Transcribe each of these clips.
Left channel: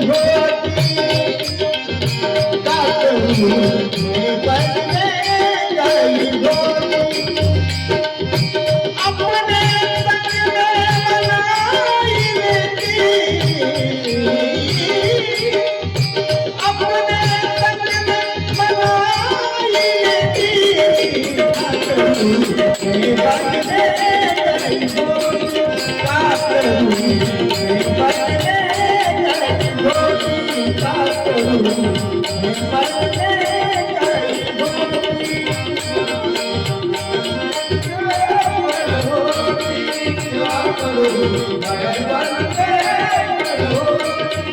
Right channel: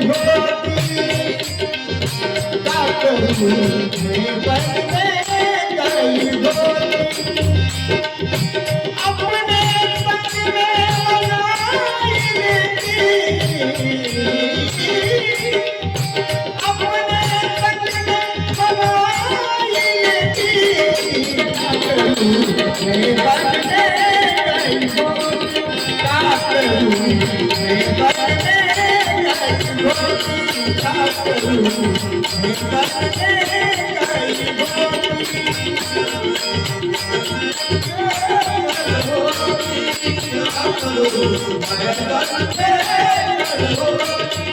ভোটি তা করি I'm not afraid.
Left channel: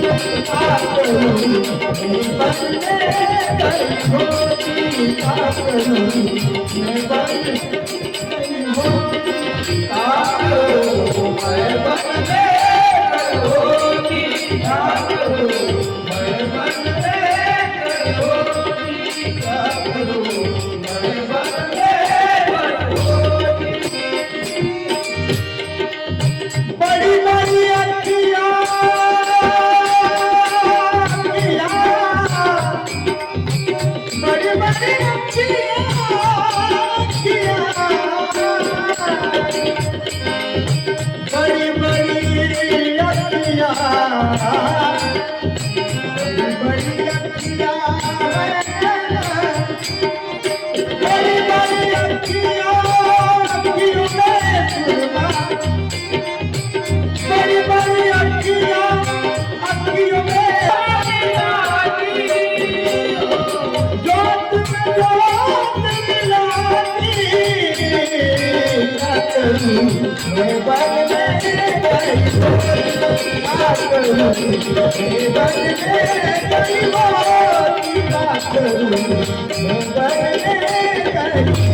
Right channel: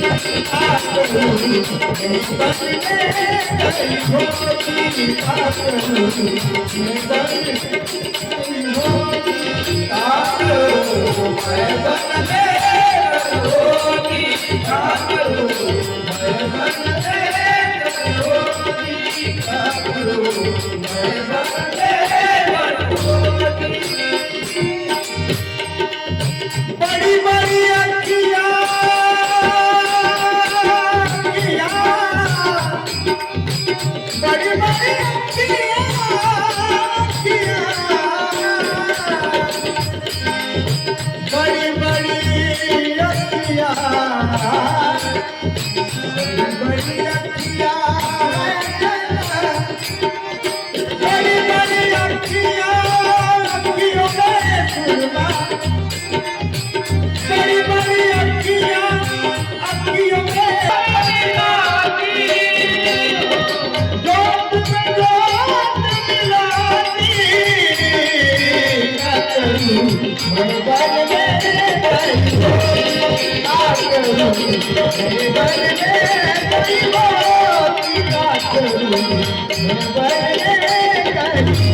I'm gonna make you mine. Everybody Thank you.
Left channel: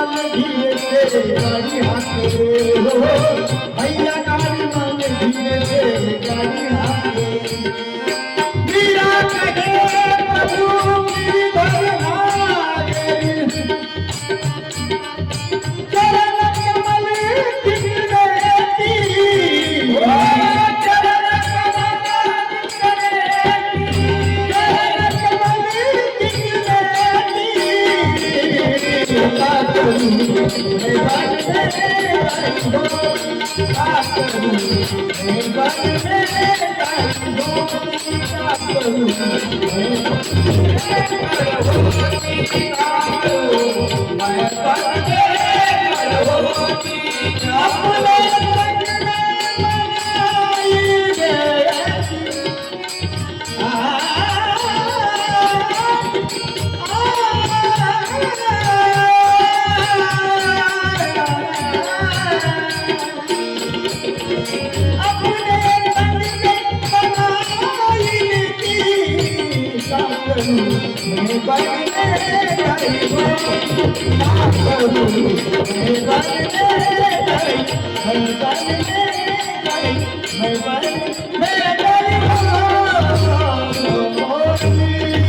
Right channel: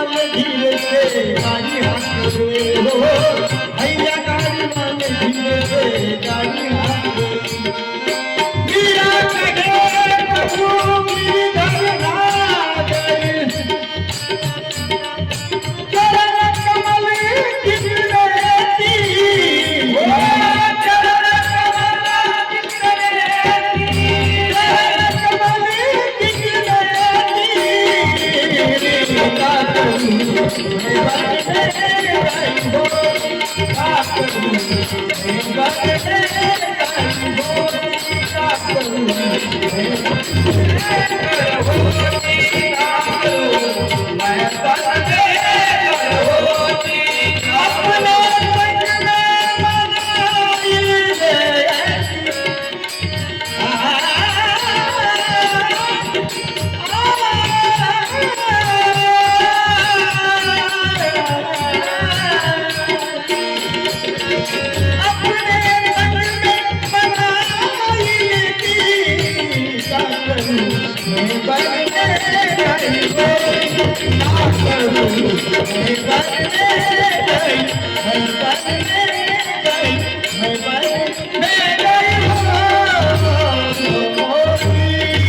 गाड़ी वाले धीरे से Thank you. Thank you.